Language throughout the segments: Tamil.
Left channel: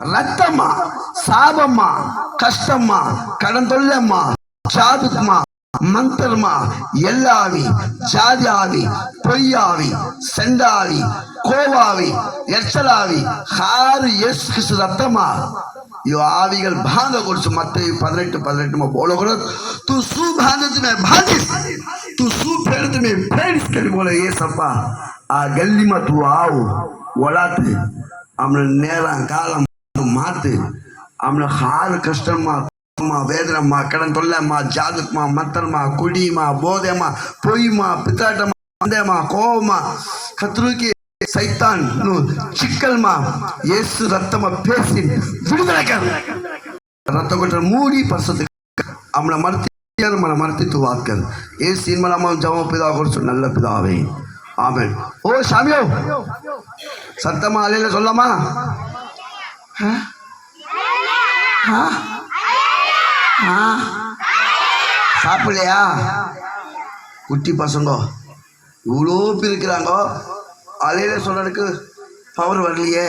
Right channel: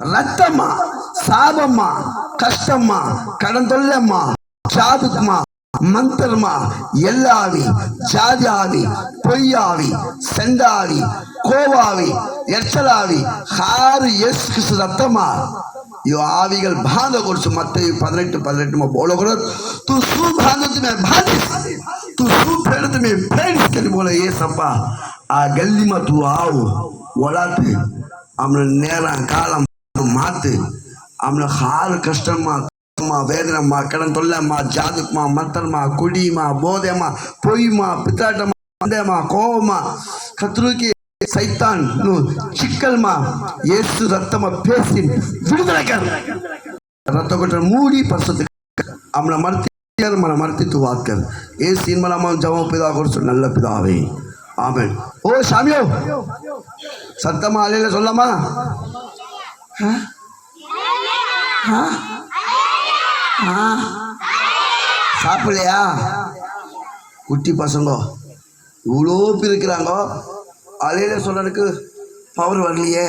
ரத்தமா, சாபமா, கஷ்டமா, கடன் தொல்லம்மா, ஜாதுக்குமா, மந்தர்மா, எல்லாவி, ஜாதியாவி, பொய்யாவி, செண்டாவி, கோவாவி, எச்சலாவி, ஹாரு எஸ் கிறிஸ்து ரத்தமா. यो आविगल भांग करছো मत्ते 18:18 में बोलो करो तू सु भांगत में भागिस तू सु फेरत में फेरिस के बोले ये सपा आ गली में तू आओ वलाते हमने नेरा कालम माते हमने हार कष्टम मा वेदना मा कड़न तोल्ला मा जादक मा मंत्र मा कुड़ी मा बोधे मा पोई मा पिताट मा अंधे मा कोव मा खतरू की सैतान नु चिक्कल मा येसु रत्तम पेसी विడుదల कर रत्त कोटर मूडी परसत हमला मर्तियार मन मर्ति तू बात कर ये सीन मला हम जवाब पिता करछु நல்ல பிதாவே ஆமென் ஓ சாமியோ சத்தமா அல்லேல சொல்லமா சாப்பிடலையா குட்டி பசங்க இவ்வளோ பேர் இருக்கிறாங்க அலையில சொல்றதுக்கு பவர் வரலையே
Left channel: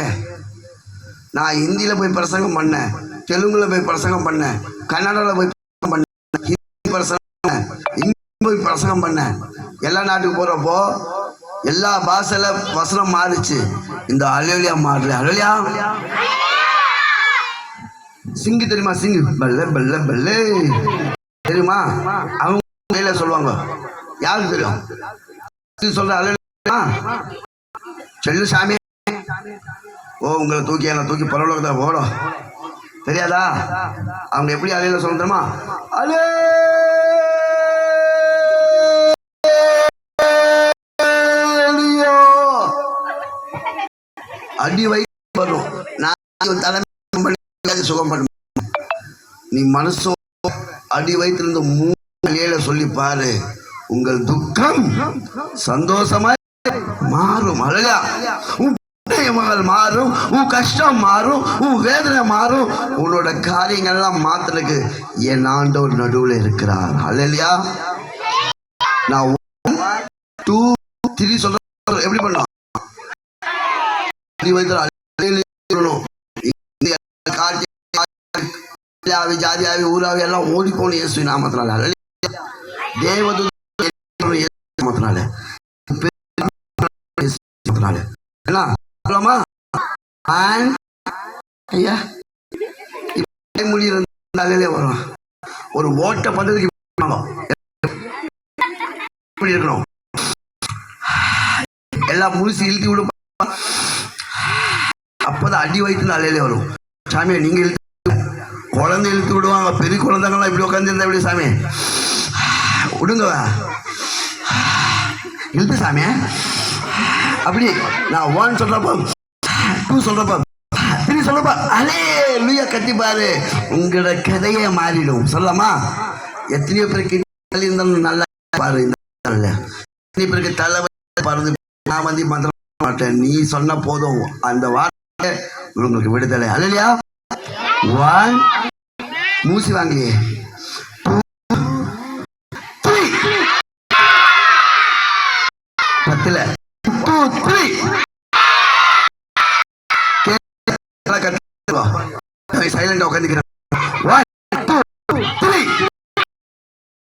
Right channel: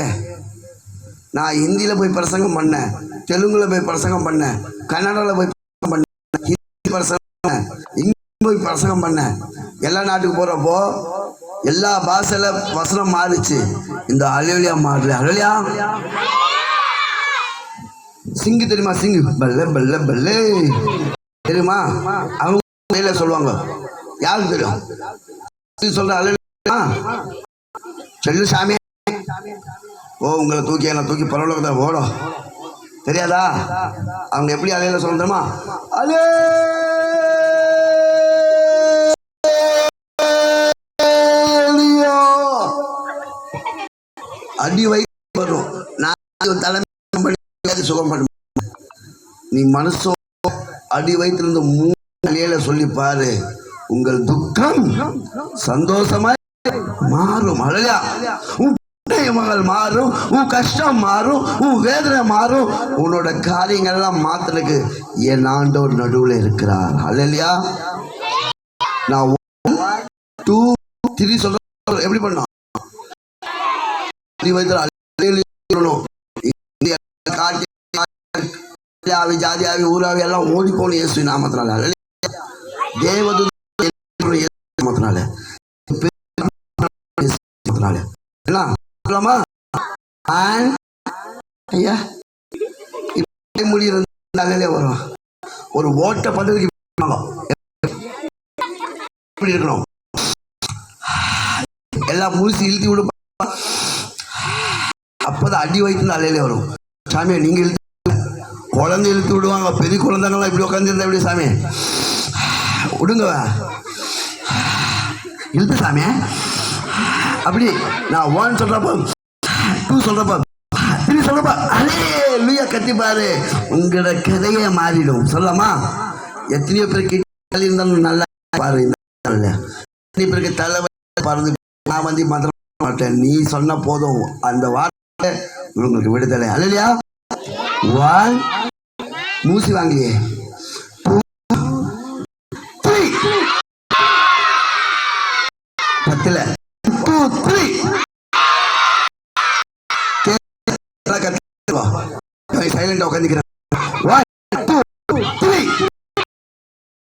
நான் ஹிந்தியில் போய் பிரசங்கம் பண்ணேன் தெலுங்குல போய் பிரசங்கம் பண்ணேன் கன்னடாவில் போய் பண்ணேன் ஹிந்தி பிரசங்கம் இங்கிலீஷ் போய் பிரசங்கம் பண்ணேன் எல்லா நாட்டுக்கு போகிறப்போ எல்லா பாஷையில வசனம் மாறிச்சு இந்த அலையிலியா மாறல அலையிலியா சிங்கு தெரியுமா சிங்கு பல்ல பல்ல பல்ல தெரியுமா அவங்க சொல்லுவாங்க யாருக்கு தெரியும் சொல்ற அலையிலியா சொல்லு சாமி ஓ உங்களை தூக்கி என்ன தூக்கி பரவலோகத்தை போடும் தெரியாதா அவங்க எப்படி அலையில சொல்ல தெரியுமா அலே அடி வயிற்று வரும் நான் தலைமை சுகம் பண்ண நீ மனசோ அடி வயிற்றிலிருந்து 3 அலையில சொல்லி பாரு உங்கள் துக்கம் சந்தோஷமா மாறும் அழகா உன் மாறும் உன் கஷ்டம் மாறும் உன் வேதனை மாறும் உன்னோட காரியங்கள் எல்லாம் மாத்திரக்கு என் ஆண்டவர் நடுவில் இருக்கிறார் அல்லையா நான் 1 2 3 சொல்ற எப்படி பண்ணும் ஜாதியாவி ஊராவி எல்லாம் ஓடி போகணும் இயேசு நாமத்தினால தேவதூதனால வரும் ஒரு ஓட்ட பண்றதுக்கு இருக்கணும் எல்லாம் மூசி இழுத்து விடும் அப்பதான் அடி வயிற்று அலையிலே வரும் சாமியை நீங்க இழுத்து குழந்தை இழுத்து விடுவாங்க பெரிய குழந்தைங்களாம் இப்படி உட்காந்துருந்தா எப்படி சாமி விடுங்க இழுத்து சாமி அப்படி நான் 1 சொல்றப்ப 2 சொல்றப்ப 3 சொல்றப்ப அல்லேலூயா கத்தி பாரு உங்களோட கதையே மாறிடும் சொல்லலாமா எத்தனையோ பேருக்கு இருந்தாலும் நல்லா பாரு எத்தனை பேருக்கு தலைவர் பாரு நான் வந்து மந்திரம் மாட்டேன் நீ சொன்ன போதும் அந்த வார்த்தை உங்களுக்கு விடுதலை அல்லையா 1 மூசி வாங்கலையே 2 3 10